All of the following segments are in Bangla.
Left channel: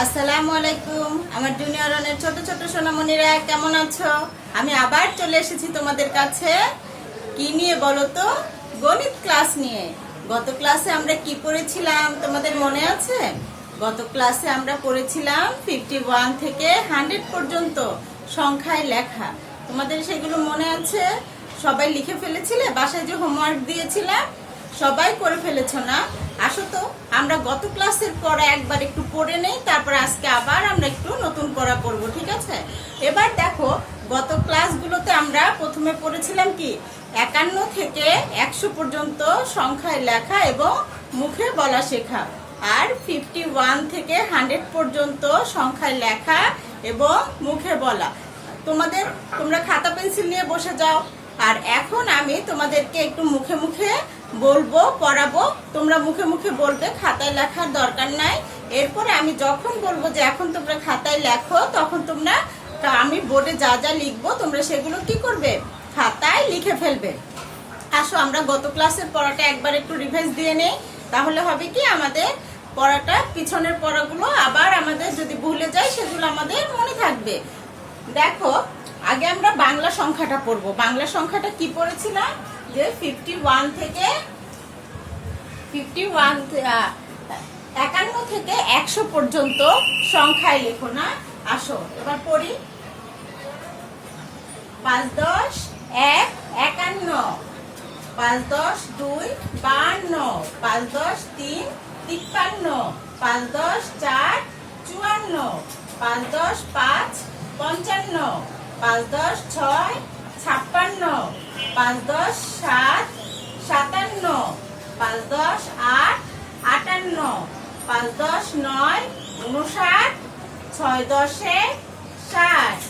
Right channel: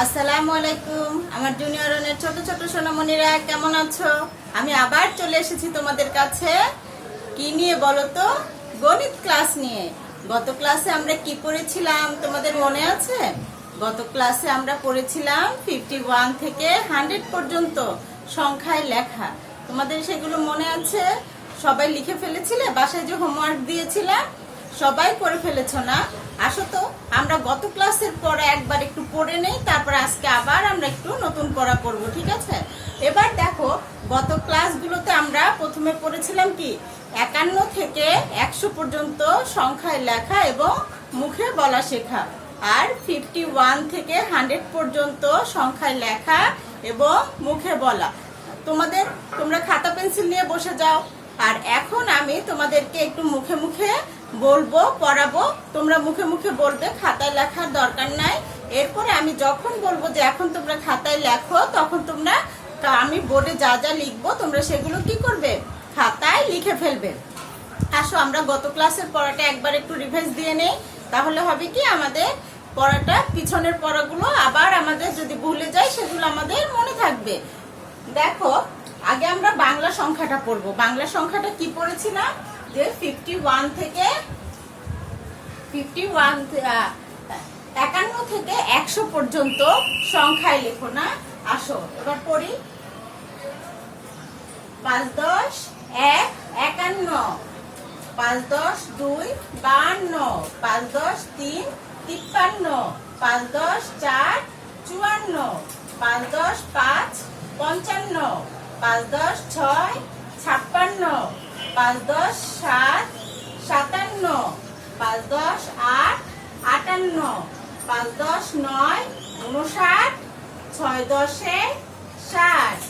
আসসালামু আলাইকুম আমার জুনিয়র অনের ছোট ছোট সোনামণিরা কেমন আছো? আমি আবার চলে এসেছি তোমাদের কাছে। কি নিয়ে বলো তো? গণিত ক্লাস নিয়ে। গত ক্লাসে আমরা কি পড়েছিলাম তোমাদের মনে আছে? গত ক্লাসে আমরা পড়েছিলাম 51 থেকে 100 পর্যন্ত সংখ্যায় লেখা। তোমাদের সেগুলো মনে আছে? সবাই লিখে ফেলেছিলে? বাসায় যে হোমওয়ার্ক দিয়েছিলাম সবাই করে ফেলেছো না? আসো তো আমরা গত ক্লাসের পড়া একবার একটু পড়ে নেই, তারপর আজকে আবার আমরা একটু নতুন পড়া পড়বো, ঠিক আছে? এবার দেখো, গত ক্লাসগুলোতে আমরা প্রথমে পড়েছিলাম কি 51 থেকে 100 পর্যন্ত সংখ্যায় লেখা এবং মুখে বলা শেখা, আর 51 থেকে 100 পর্যন্ত সংখ্যায় লেখা এবং মুখে বলা। তোমরা খাতা পেন্সিল নিয়ে বসে যাও, আর এখন আমি তোমাদেরকে একটু মুখে মুখে বলবো, পড়াবো। তোমরা মুখে মুখে বলবে, খাতায় লেখার দরকার নাই। এরপরে আমি যখন বলবো যে এখন তোমরা খাতায় লেখো, তখন আমি বোর্ডে যা যা লিখবো তোমরা সেগুলো কি করবে? খাতায় লিখে ফেলবে। আসো আমরা গত ক্লাসের পড়াটা একবার একটু রিভাইজ দিয়ে নেই, তাহলে হবে কি আমাদের পড়াটা, পিছনের পড়াগুলো আবার আমাদের যদি ভুলে যাই সেগুলো আমাদের মনে থাকবে। দেখো, আগে আমরা বাংলা সংখ্যাটা পড়বো। বাংলা সংখ্যাটা কি পড়েছিলাম? যে 51 থেকে 100 পর্যন্ত সংখ্যায় লেখো না। আসো এবার পড়ি। 5 10 1 51, 5 10 2 52, 5 10 3 53, 5 10 4 54, 5 10 5 55, 5 10 6 56, 5 10 7 57, 5 10 8 58, 5 10 9 59, 6 10 60,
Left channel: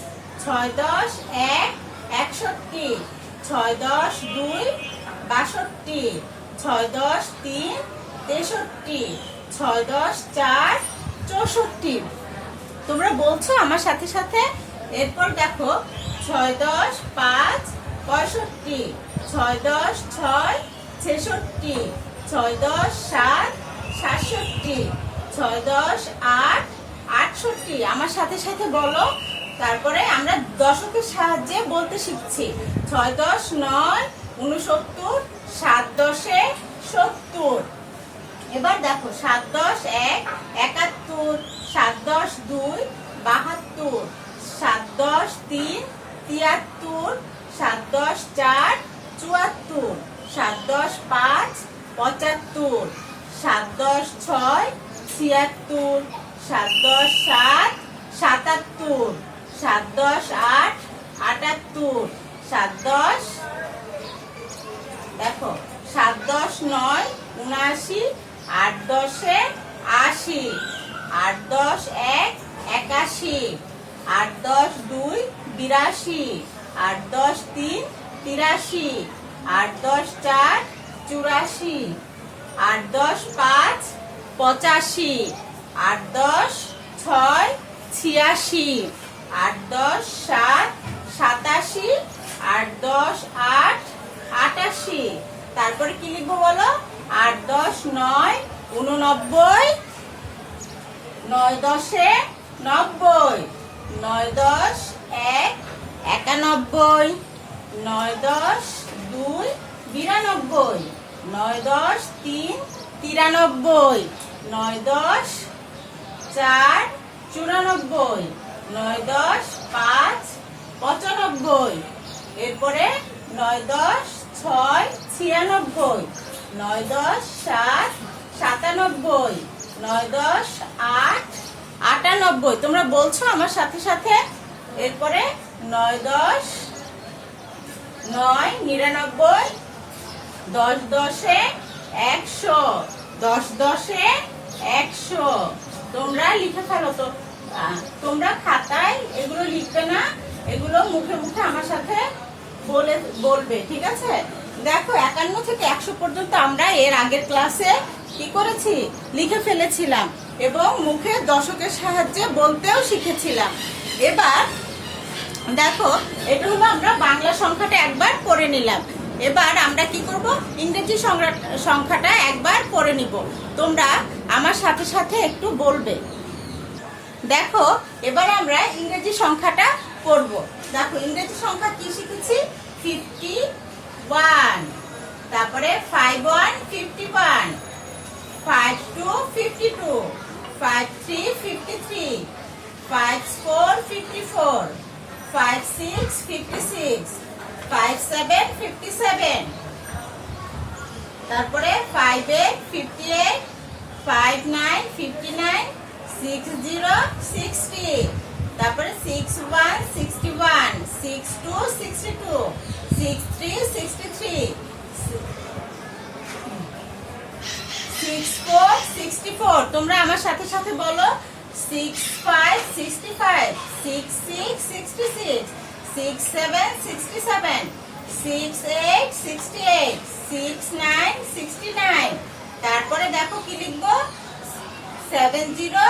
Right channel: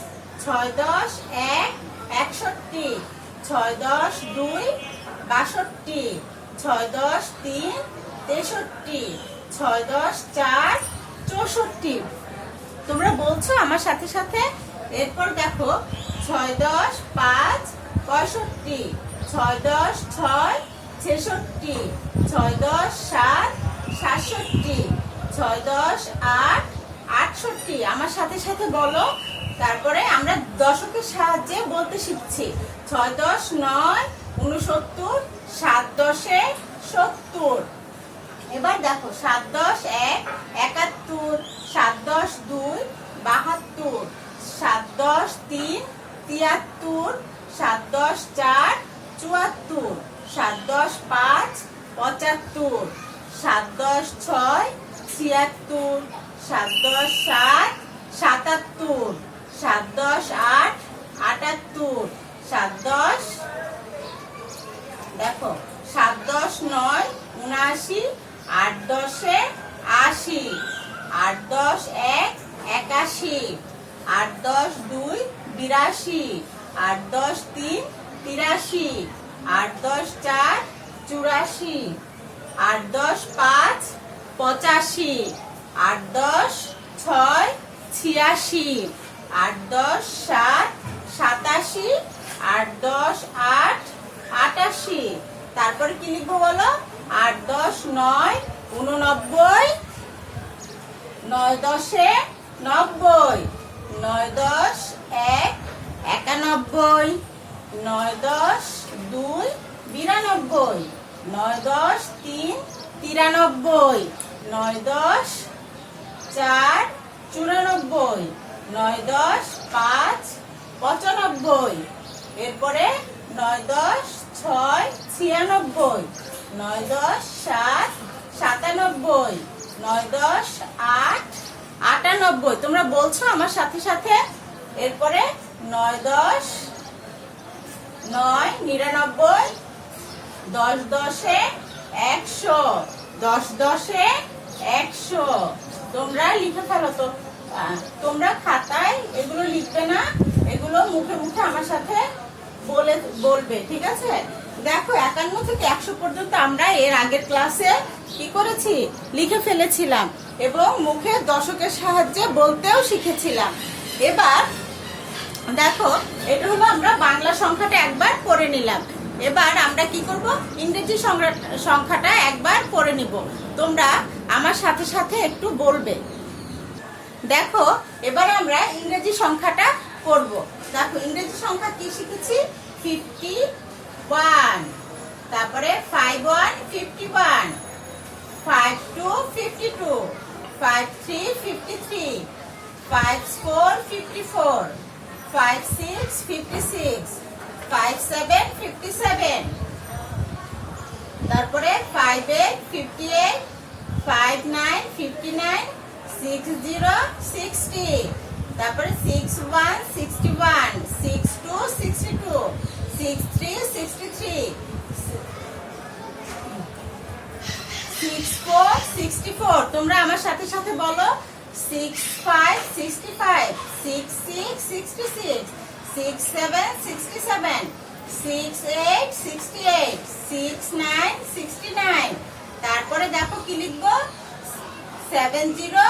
6 10 1 61, 6 10 2 62, 6 10 3 63, 6 10 4 64। তোমরা বলছো আমার সাথে সাথে। এরপর দেখো, 6 10 5 65, 6 10 6 66, 6 10 7 67, 6 10 8 68। আমার সাথে সাথে বলো। তারপরে আমরা দশকের সাহায্যে বলতে শিখছি। 6 10 9 69, 7 10 70। এবার দেখো, 7 10 1 71, 7 10 2 72, 7 10 3 73, 7 10 4 74, 7 10 5 75, 7 10 6 76, 7 10 7 77, 7 10 8 78, 7 10 দেখো 7 10 9 79, 8 10 80, 8 10 1 81, 8 10 2 82, 8 10 3 83, 8 10 4 84, 8 10 5 85, 8 10 6 86, 8 10 7 87, 8 10 8 88। তারপরে কি লিখবো বলো? 8 10 9 89, 9 10 90, 9 10 1 91, 9 10 2 92, 9 10 3 93, 9 10 4 94, 9 10 5 95। এরপরে 9 10 6 96, 9 10 7 97, 9 10 8 98। তোমরা বলছো আমার সাথে সাথে। এরপরে 9 10 9 99, 10 10 100, 10 10 100। তোমরা লিখে ফেলো তো। তোমরা খাতায় এগুলো লিখবে না, এগুলো মুখে মুখে আমার সাথে বলবে, ঠিক আছে? দেখো, 51 থেকে 100 পর্যন্ত আমরা এর আগের ক্লাসে কি করেছি? লিখে ফেলেছিলাম এবং মুখে দশকের সাহায্যে বলতেও শিখেছিলাম। এবার দেখো, এটা হলো আমরা বাংলা সংখ্যাটা একবার পড়ে নিলাম। এবার আমরা কি করব? ইংরেজি সংখ্যাটা একবার পড়ে নিব। তোমরা আমার সাথে সাথে একটু বলবে। দেখো এবার আমরা ইংরেজি সংখ্যাটা করব। দেখো ইংরেজি সংখ্যা কি শিখেছি? 51, তারপরে 51 51, 52 52, 53 53, 54 54, 56 56, 57 57, তারপরে 58 58, 59 59, 60 60, তারপরে 61 61, 62 62, 63 63, 64 64, তোমরা আমার সাথে সাথে বলো। 65 65, 66 66, 67 67, 68 68, 69 69, তারপরে দেখো কি লিখবো? 70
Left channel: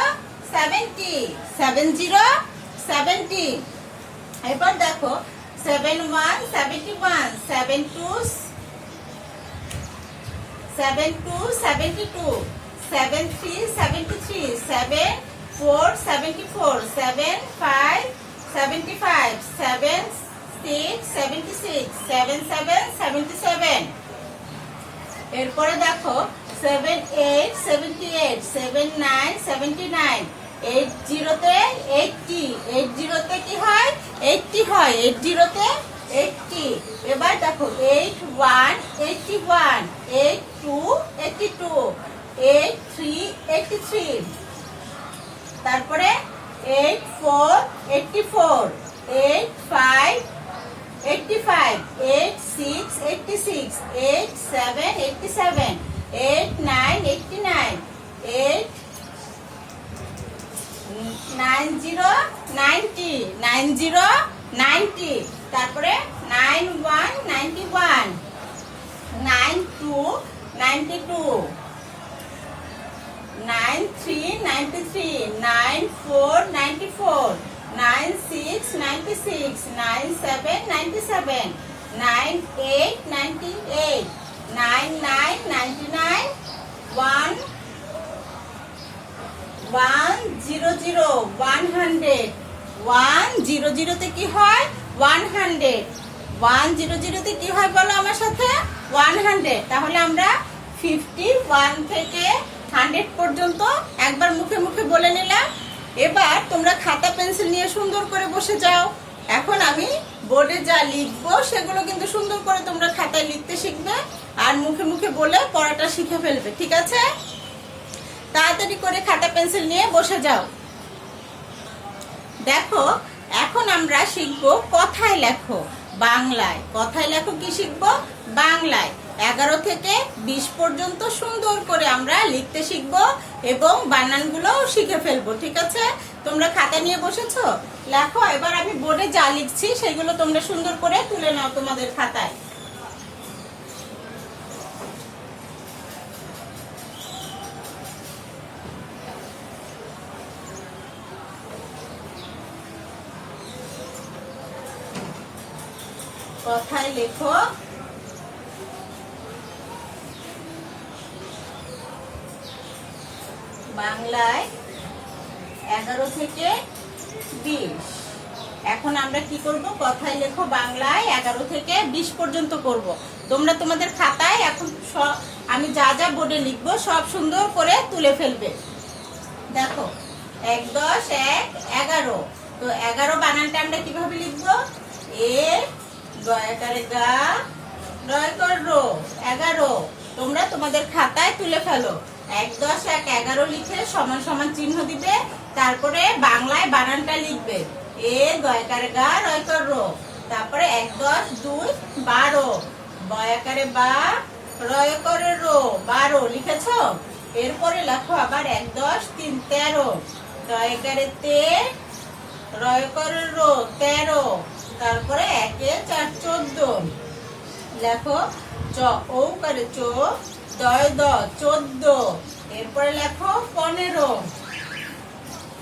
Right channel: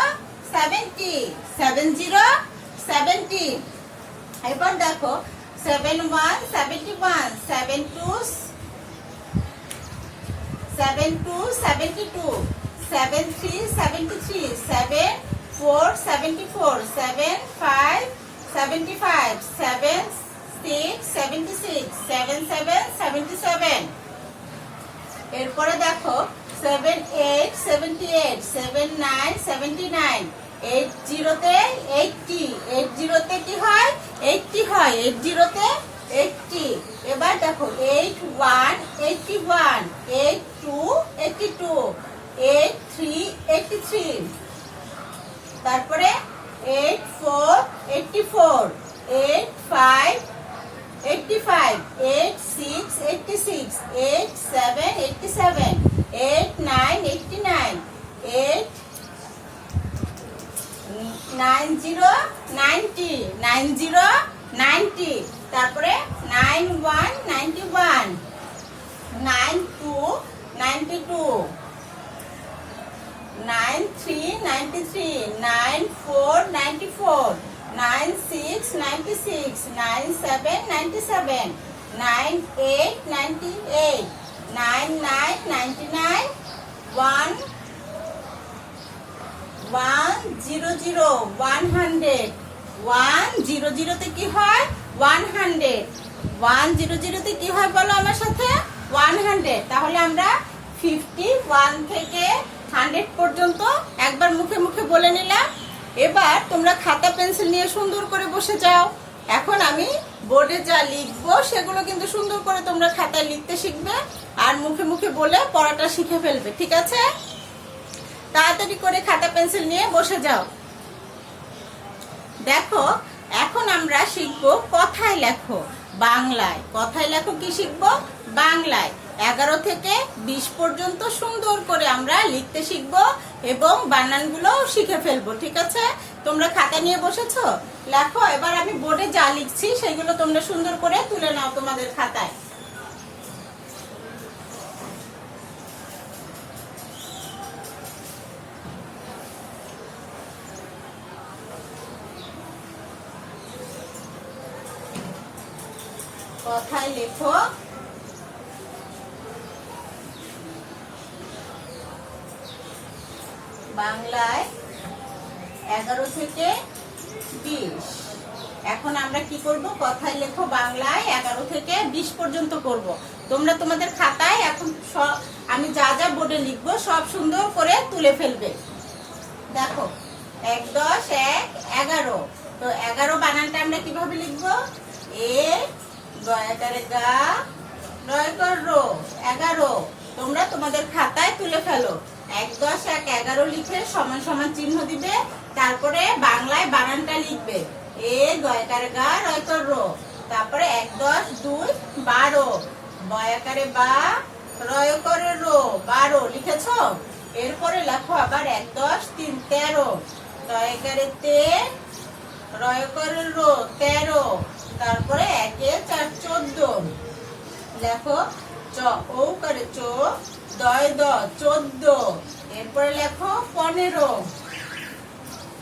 70 70 70, এবার দেখো 71 71, 72 72 72, 73 73, 74 74, 75 75, 76 76, 77 77, এরপরে দেখো 78 78, 79 79, 80 তে 80, 80 তে কি হয়? 80 হয়, 80 তে 80, এবার দেখো 81 81, 82 82, 83 83, তারপরে 84 84, 85 85, 86 86, 87 87, 89 89, 90 90 90 90, তারপরে 91 91, 92 92, 93 93, 94 94, 96 96, 97 97, 98 98, 99 99, 100 100 100 তে কি হয়? 100 100 তে কি হয় বলো আমার সাথে? 100, তাহলে আমরা 51 থেকে 100 পর্যন্ত একবার মুখে মুখে বলে নিলাম। এবার তোমরা খাতা পেন্সিল নিয়ে সুন্দর করে বসে যাও। এখন আমি বোর্ডে যা লিখবো সেগুলো কিন্তু সুন্দর করে তোমরা খাতায় লিখতে শিখবে আর মুখে মুখে বলে পড়াটা শিখে ফেলবে, ঠিক আছে? তাড়াতাড়ি করে খাতা পেন্সিল নিয়ে বসে যাও। দেখো এখন আমরা শিখবো কথায় লেখো বাংলায়। কথায় লেখো কি শিখবো? বাংলায়। 11 থেকে 20 পর্যন্ত সুন্দর করে আমরা লিখতে শিখবো এবং বানানগুলো শিখে ফেলবো, ঠিক আছে? তোমরা খাতা নিয়ে বসেছো? লেখো। এবার আমি বোর্ডে যা লিখছি সেগুলো তোমরা সুন্দর করে তুলে নাও তোমাদের খাতায়। কথায় লেখো বাংলায় 11 থেকে 20। এখন আমরা কি করব? কথায় লেখো বাংলায় 11 থেকে 20 পর্যন্ত করব। তোমরা তোমাদের খাতায় এখন আমি যা যা বোর্ডে লিখবো সব সুন্দর করে তুলে ফেলবে। দেখো 1 10 1 11, তো 11 বানানটা আমরা কিভাবে লিখবো? এ গয়াকারে গা রয়কার রো 11। তোমরা তোমাদের খাতায় তুলে ফেলো। 1 10 1 11 লিখে সমান সমান চিহ্ন দিবে, তারপরে বাংলায় বানানটা লিখবে এ গয়াকারে গা রয়কার রো, তারপরে 1 10 2 12 বয়াকারে বা রয়কারে রো 12 লিখেছো। এরপরে লেখো আবার 1 10 3 13 দয়াকারে তে রয়কারে রো 13, তারপরে 1 4 14 লেখো চ ও করে চো দয় দ 14, এরপরে লেখো 15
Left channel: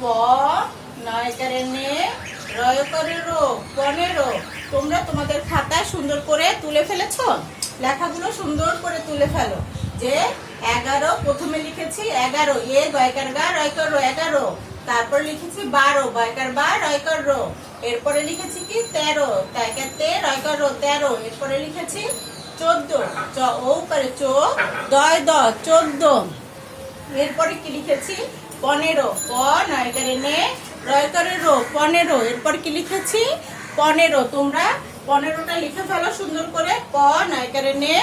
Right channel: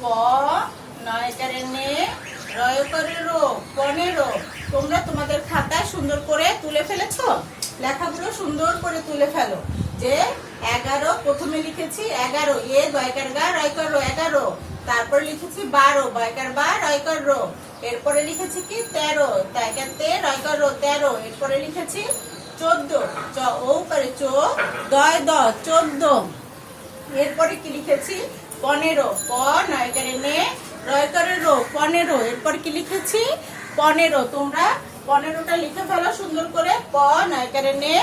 প নয় করে নে রয় করে রো 15। তোমরা তোমাদের খাতা সুন্দর করে তুলে ফেলেছো? লেখাগুলো সুন্দর করে তুলে ফেলো যে 11 প্রথমে লিখেছি 11 এ গয়কার গা রয়কার রো 11, তারপরে লিখেছি 12 বয়কার বা রয়কার রো, এরপরে লিখেছি কি 13 তাইকার তে রয়কার রো 13, এরপরে লিখেছি 14 চ ও করে চো দয় দ 14, এরপরে কি লিখেছি 15 প নয়কারে নে রয়কারে রো 15, এরপর কি লিখেছি 15। তোমরা 15টা লিখে ফেলো সুন্দর করে, প নয়কারে নে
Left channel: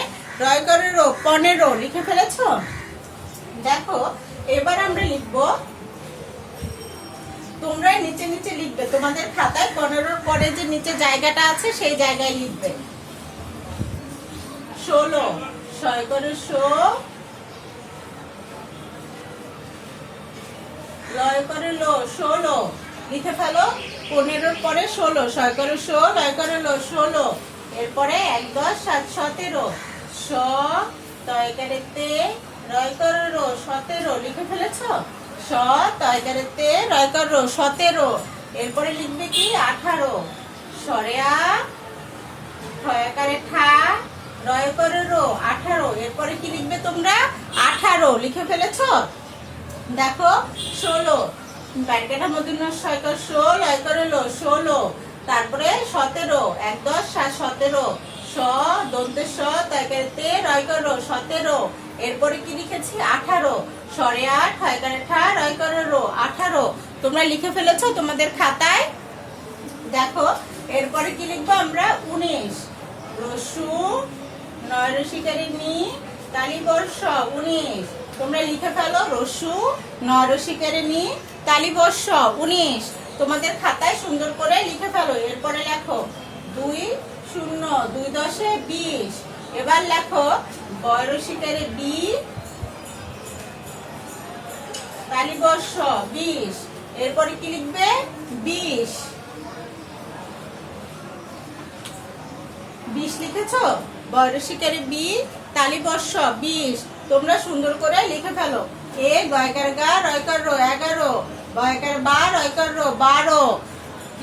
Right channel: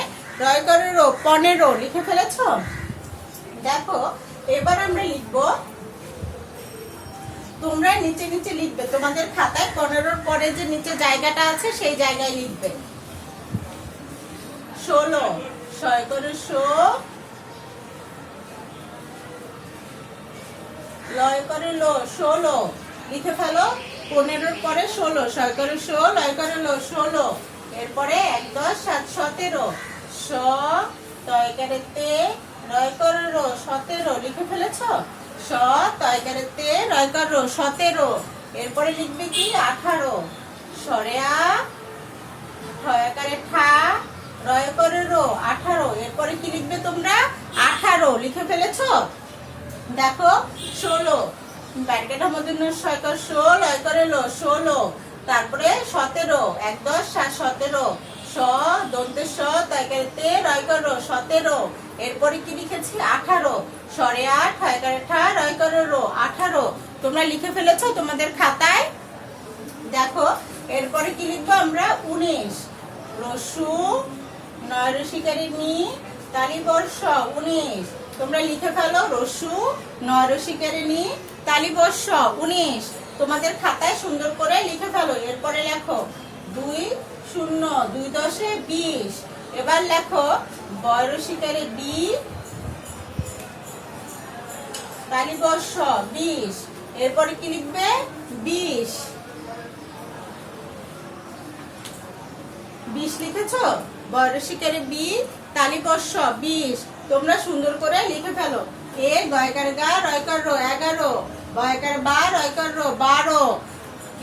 রয়কারে রো 15 লিখে ফেলেছো। দেখো এবার আমরা লিখবো, তোমরা নিচে নিচে লিখবে, তোমাদের খাতায় 15 পরে যে নিচে জায়গাটা আছে সেই জায়গায় লিখবে। 16 ছয় করে শো লয় করে লো 16 লিখে ফেলো। 15 পরে 16 ছয় করে শো লয় করে লো 16, এরপরে 1 10 7 17 স তয় করে তে রয় করে রো 17 লিখে ফেলেছো। স তয় করে তে রয় করে রো 17, এরপরে লিখবে কি 18 সরে আ ঠয় করে ঠা রয় করে রো 18, এরপরে কি লিখবে তোমরা 18 লিখে ফেলেছো। দেখো 16 ব্যাকেটের মধ্যে ছয় করে শো লয় করে লো 16, তারপরে 17 1 10 7 17 স দন্তে স তয় করে তে রয় করে রো 17, এরপরে কি লিখেছি 18 সরে আ ঠয় করে ঠা রয় করে রো 18, তোমরা লিখে ফেলেছো তোমাদের খাতায়। দেখো এরপরে কি লিখবো আমরা 19 রসু নয় রসিকারি নি তালিবর্ষ 19, তোমরা লিখে ফেলো রসু নয় রসিকারি নি তালিবর্ষ 19, তোমাদের খাতায় সুন্দর করে লিখে ফেলো। এরপরে লেখো 2 0 2 10 20, এবার লেখো বয় রসিকারি বি তালিবর্ষ 20, এরপরে কি লিখবে 20 লিখেছো। বয়রসিকারে বি তালিবর্ষ 20, তোমরা সুন্দর করে লিখে ফেলো। এ গয়কার গা রয়কার রো 11 বয়কার বা রয়কার রো 12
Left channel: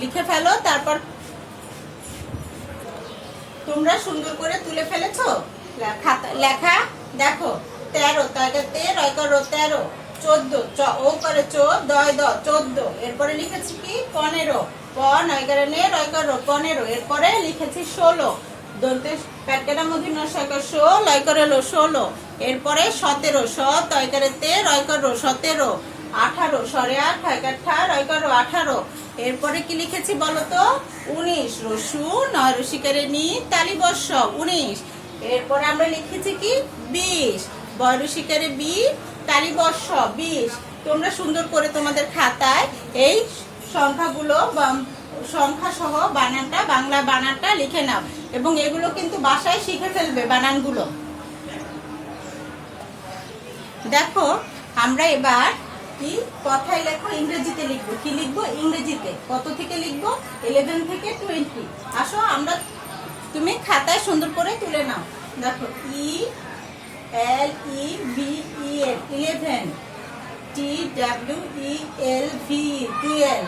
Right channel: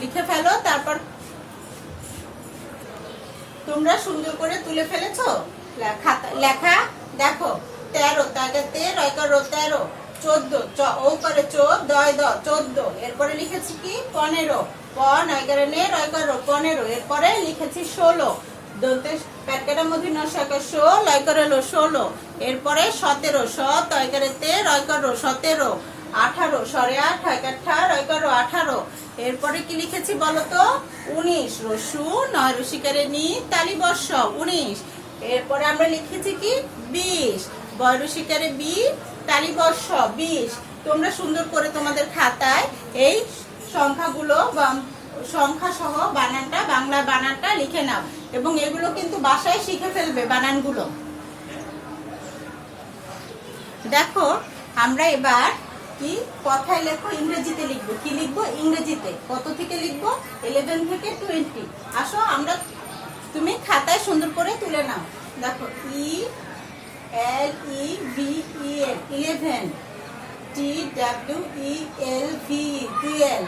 লিখে ফেলো। তারপর তোমরা সুন্দর করে তুলে ফেলেছো লেখা। দেখো 13 তাইকাতে রয়কার রো 13, 14 চ ও করে চো দয় দ 14, এরপরে লিখেছি কি 15 প নয়কারে নে রয়কার রো 15, এরপরে লিখেছি 16 দন্তে প্যাকেটের মধ্যে নয় করে শো লয় করে লো 16, এরপরে 17 স তয় করে তে রয় করো 17, 18 সরে 8 ঠয় করে ঠা রয় করো 18, এরপরে কি লিখেছি বলো তো 19 রসু নয় রসিকারে নি তালিবর্ষ 19, এরপরে আমরা লিখেছি কি 20 বয় রসিকারে বি তালিবর্ষ 20। তোমরা সুন্দর করে তোমাদের খাতায় এই সংখ্যাগুলো সংখ্যা সহ বানানটা বাংলা বানানটা লিখে নাও এবং এগুলো কিন্তু বাসায় শিখে ফেলবে বানানগুলো। দেখো আমরা এবার কি কথায় লেখো ইংরেজিতে লিখবো। কি লিখবো ইংরেজিতে? কত থেকে লিখবো? 11 থেকে 20। আসো আমরা তুমি খাতায় সুন্দর করে তুলে নাও। দেখো ELEVEN 11, TWELV 12,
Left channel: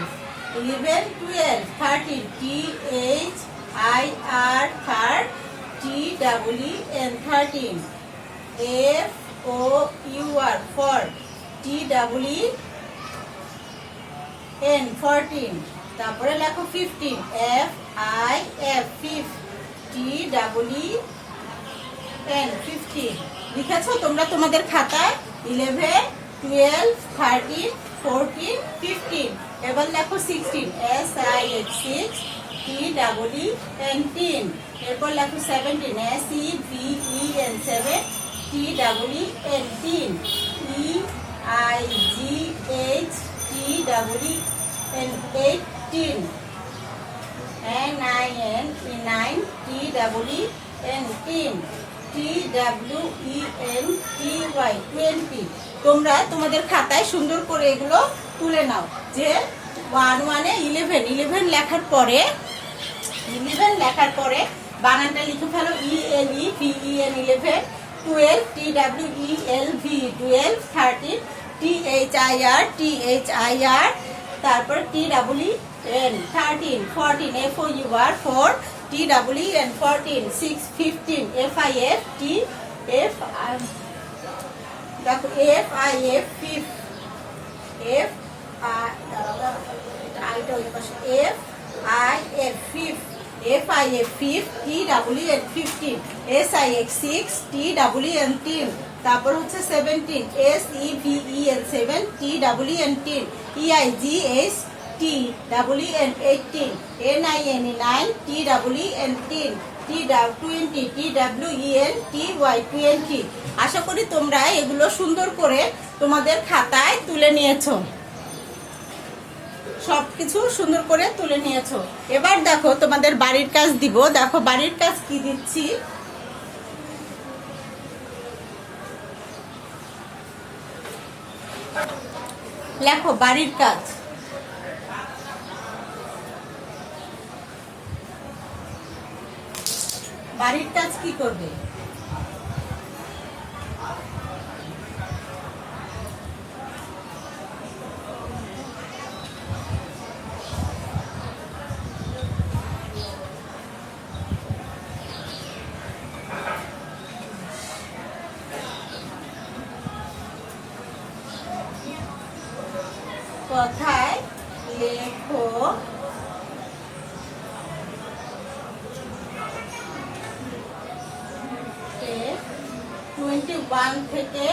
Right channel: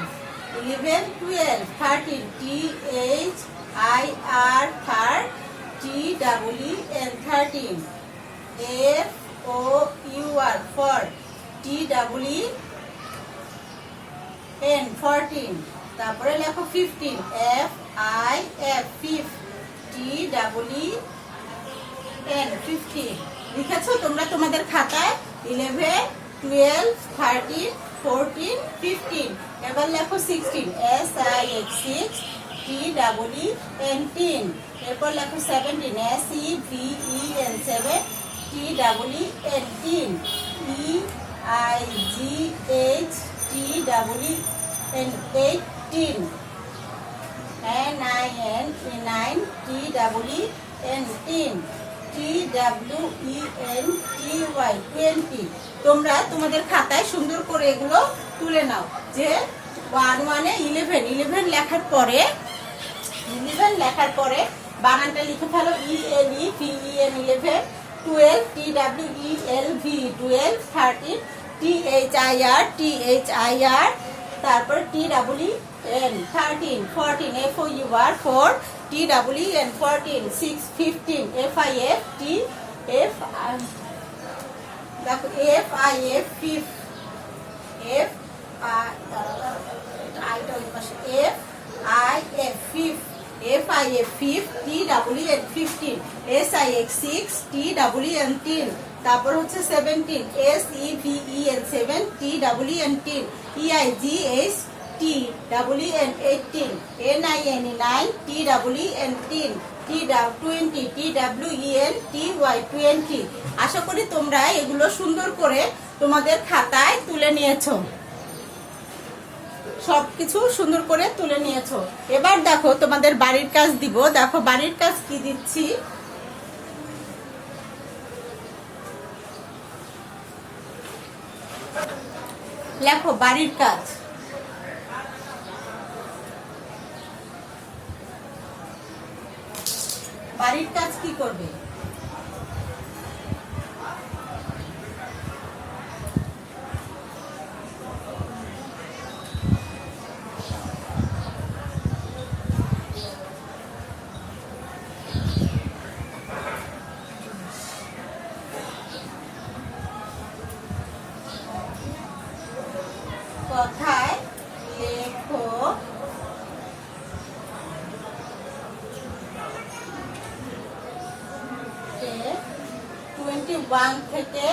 11 12, 13 THIR TEEN 13, FOUR 4, TEEN 14, তারপরে লেখো 15 FIF TEEN 15। লিখেছো তোমরা তোমাদের খাতায় 11 12 13 14 15। এবার লেখো 16 SIH 6 TEEN 10, এরপর লেখো 17 SEVEN 7 TEEN 10, EIGH TEEN 18, NIN 9 TEEN 10, TWENTY 20। তোমরা তোমাদের খাতায় সুন্দর করে এগুলো তুলে নাও যে 1 11 লেখার পরে বানানটা লিখে ফেলো ELEVEN 11, 12 TWELV 12, 13 THIR তারপর TEEN 13, 14 FOUR 4 TEEN 14, 6 15 FIF দেখো এফ আই এফ ফিফ, এফ আই আইটা ওই পাশে, এফ আই এফ ফিফ, এফ আই এফ ফিফ, T W N 15, S I x 6, T W N 3, তারপর হচ্ছে 17, S E V E N 7, T W N 10, E I G H T W N 18, N I N E 9, T W N 10, T 20, T W E N T Y 20। আশা করি তোমরা এগুলো সুন্দর করে তোমাদের খাতায় তুলে নিয়েছো, সবকিছু সুন্দর করে তুলে নিয়েছো। এবার দেখো তোমাদের বাড়ির কাজ দিব। দেখো বাড়ির কাজ কি দিচ্ছি। লেখো বাড়ির কাজ। বাড়ির কাজ কি করবে? কথায় লেখো 21 থেকে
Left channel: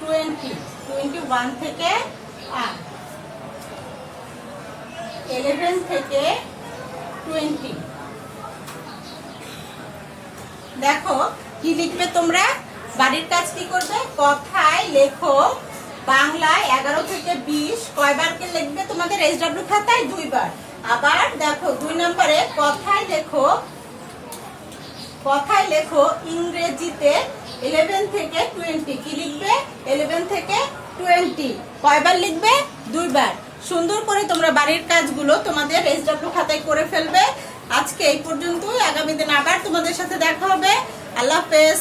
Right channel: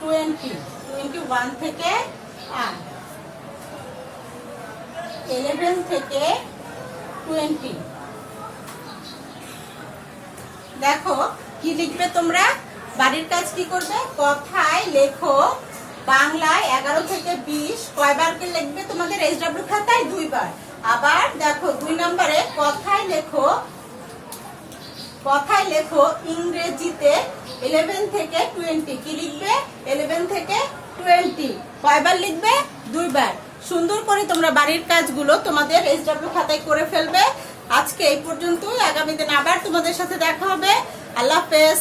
20, 21 থেকে 8, 11 থেকে 20। দেখো কি লিখবে তোমরা? বাড়ির কাজ কি করবে? কথায় লেখো বাংলায় 11 থেকে 20 কয়বার কে লিখবে তোমাদের এইচডব্লিউ খাতায়? 2 বার। আবার দেখো 2 নম্বরে কথায় লেখো ইংরেজিতে 11 থেকে 20। কি লিখবে? 11 থেকে 20 কয়বার লিখবে? 2 বার। সুন্দর করে তোমরা বাড়ির কাজগুলো তোমাদের এইচডব্লিউ খাতায় করে ফেলবে। আজকে এই পর্যন্ত, আগামী দিন আবার তোমাদের সাথে দেখা হবে। আল্লাহ হাফেজ।